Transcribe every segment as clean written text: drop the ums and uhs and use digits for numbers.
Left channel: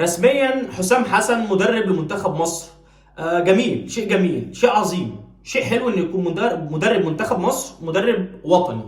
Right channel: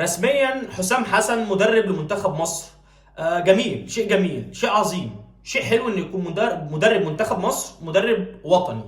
رسميا حسام حسن مدرب لمنتخب مصر. جميل، شيء جميل، شيء عظيم، شيء حلو ان يكون مدرب منتخب مصر مدرب وطني.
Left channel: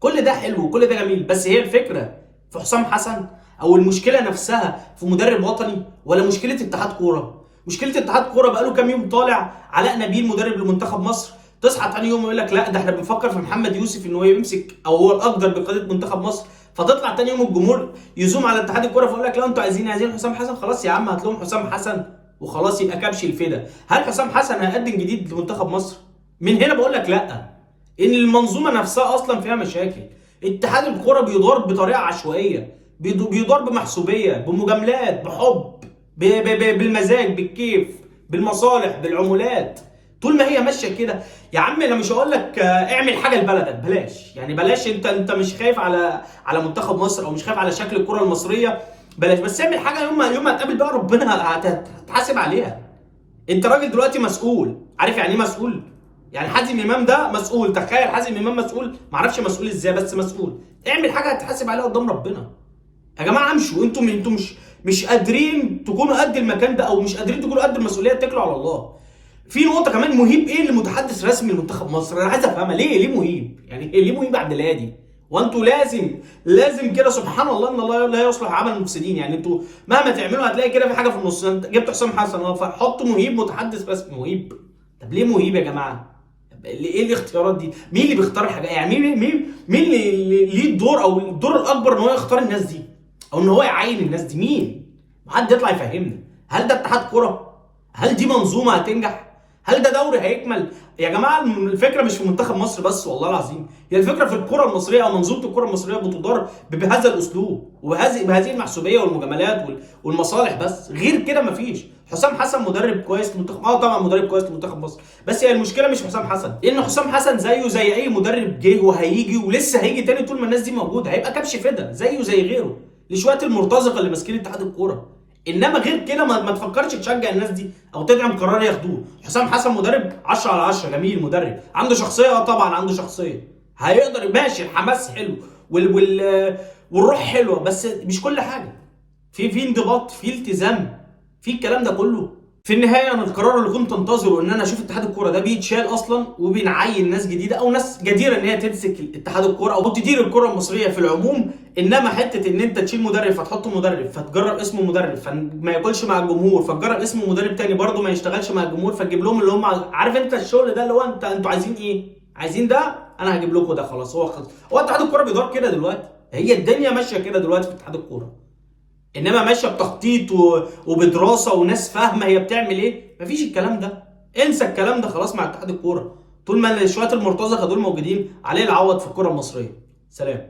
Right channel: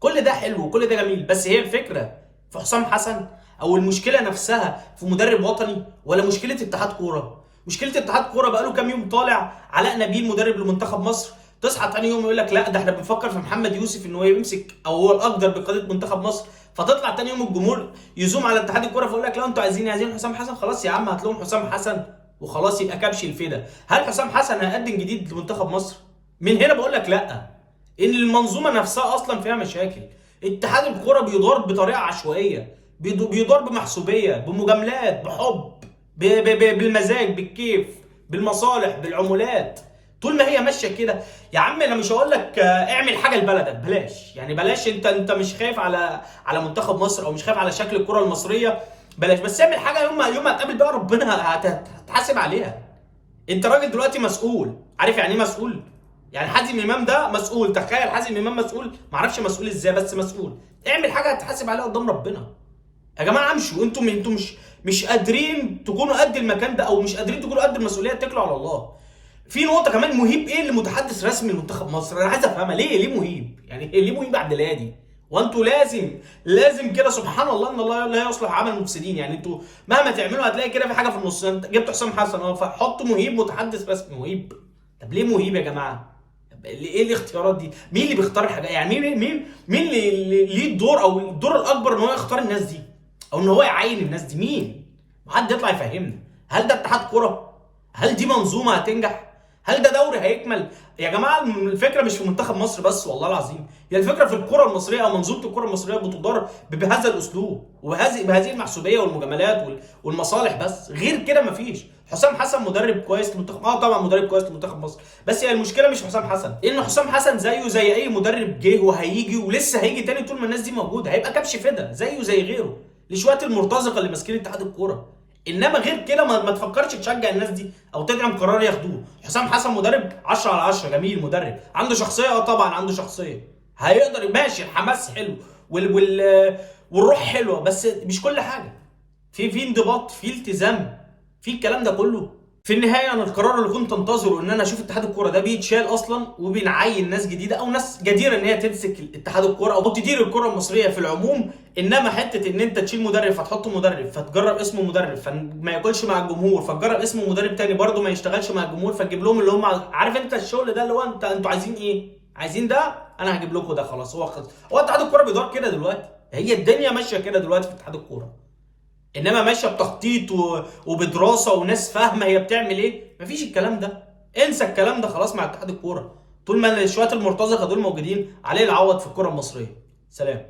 كل ده حلو وكل ده جميل، بس هي الفكره في حسام حسن او المشكله نفسها في مدرب وطني ولا مشكله اتحاد كوره؟ مشكله اتحاد كوره بقاله كام يوم طالع علاء نبيل مدرب لمنتخب مصر، تصحى تاني يوم يقول لك لا ده احنا بنفكر في محمد يوسف ان هو يمسك او هو الاقدر بقياده منتخب مصر، فتطلع تاني يوم الجمهور يزوم على اتحاد الكوره فيقول لك لا انتوا عايزين حسام حسن. خلاص يا عم هات لهم حسام حسن وخلاص يبقى كبش الفدا. هل حسام حسن هيقدم جديد لمنتخب مصر؟ من هنا بقول لك لا، ان المنظومه نفسها اصلا فيها مشاكل. اتحاد الكوره بيدار بطريقه عشوائيه، بيدار بمحسوبيه، بمجاملات، بحب، بالمزاج، بالكيف، بالمصالح، بالعمولات. طول ما هي ماشيه كده يا عم انا مش هقول لك اعمل حاجه لبلدك، بلاش يعني بلاش. انت مش خايف على منتخب مصر او مش خايف على شكل الكره المصريه، بلاش. بس اعمل حاجه يوم ما تقابل بقى ربنا هتحاسب عليها. انت راجل دلوقتي مسؤول، عارف يعني ايه مسؤول؟ يعني حازم امام ده مسؤول، تخيل حازم امام مسؤول، معرفش مسؤول ازاي بس مسؤول. اعمل حاجه هتحاسب عليها قدام ربنا. يا جماعه امشوا، انتوا مش قادرين تكونوا قد المكان ده او مش قادرين تكونوا قد المسؤوليه، اتكلوا على الله. في نقطه كمان، مهيب ايه اللي متحدث رسمي لمنتخب مصر؟ انا عايز افهمها، ليه مهيب؟ يعني ليه مهيب عبد الهادي؟ وانتوا لازم كده، سبحان الله ان الله لا يصلح عمل المفسدين. يعني انتوا مهما تعملوا هتلاقي كده في حاجه في النص. انت جبت حسام حسن فحطوا مهيب متحدث رسمي. مهيب؟ طب ليه مهيب يا جماعه؟ ايه الاختيارات دي؟ مين اللي بيختار الحاجات؟ يعني مين اللي ليه الدور او الدور الاكبر ان هو يختار الناس دي او ان هو يعين الناس دي؟ مين؟ حد يطلع يفهمني. هل ده اتحاد كوره؟ هل دي منظومه هتنجح؟ هل ده دوري هيكمل؟ يا جماعه الفكره مش في منتخب مصر بس، والله العظيم هي الفكره في الكره المصريه او منظومه الكره المصريه بتدار بهذا الاسلوب وبهذه المحسوبيه والمجاملات والمصالح. بس غير كده مفيش. حسام حسن مدرب كويس لمنتخب، طبعا مدرب كويس لمنتخب مصر، بس هي المشكله مش حسام حسن، لان حسام حسن زيه زي اي مدرب جه وهيجي ولسه هيجي تاني طول ما الناس دي موجوده، هيبقى كبش فدا زيه زي غيره لشويه المرتزقه اللي ماسكين اتحاد الكوره. انما غير كده ما تفكرش تشجع الناس دي او تدعم قرار ياخدوه. حسام حسن مدرب 10 على 10، جميل، مدرب عنده شخصيه، طبعا عنده شخصيه، هيقدر ماشي، الحماس حلو والروح حلوه، بس مش كل حاجه. في انضباط، في التزام، في الكلام ده كله. في النهايه انا القرار اللي كنت انتظره ان انا اشوف اتحاد الكوره ده بيتشال اصلا وبنعين ناس جديده او ناس جديره ان هي تمسك اتحاد الكوره او تدير الكوره المصريه في العموم. انما حته ان انت تشيل مدرب فتحط مدرب فتجرب اسمه مدرب فما ياكلش مع الجمهور، فتجرب اسمه مدرب تاني برضه ما يشتغلش مع الجمهور، فتجيب لهم اللي هم عارف انت الشغل ده اللي هو انتوا عايزين ايه؟ عايزين ده، انا هجيب لكم ده. خلاص هو اتحاد الكوره بيدور كده دلوقتي، هي الدنيا ماشيه كده دلوقتي في اتحاد الكوره. انما ماشيه بتخطيط وبدراسه وناس فاهمه هي بتعمل ايه. مفيش الكلام ده، انسى الكلام ده خلاص مع اتحاد الكوره. طول ما شويه المرتزقه دول موجودين عليه العوض في الكوره المصريه. سلام.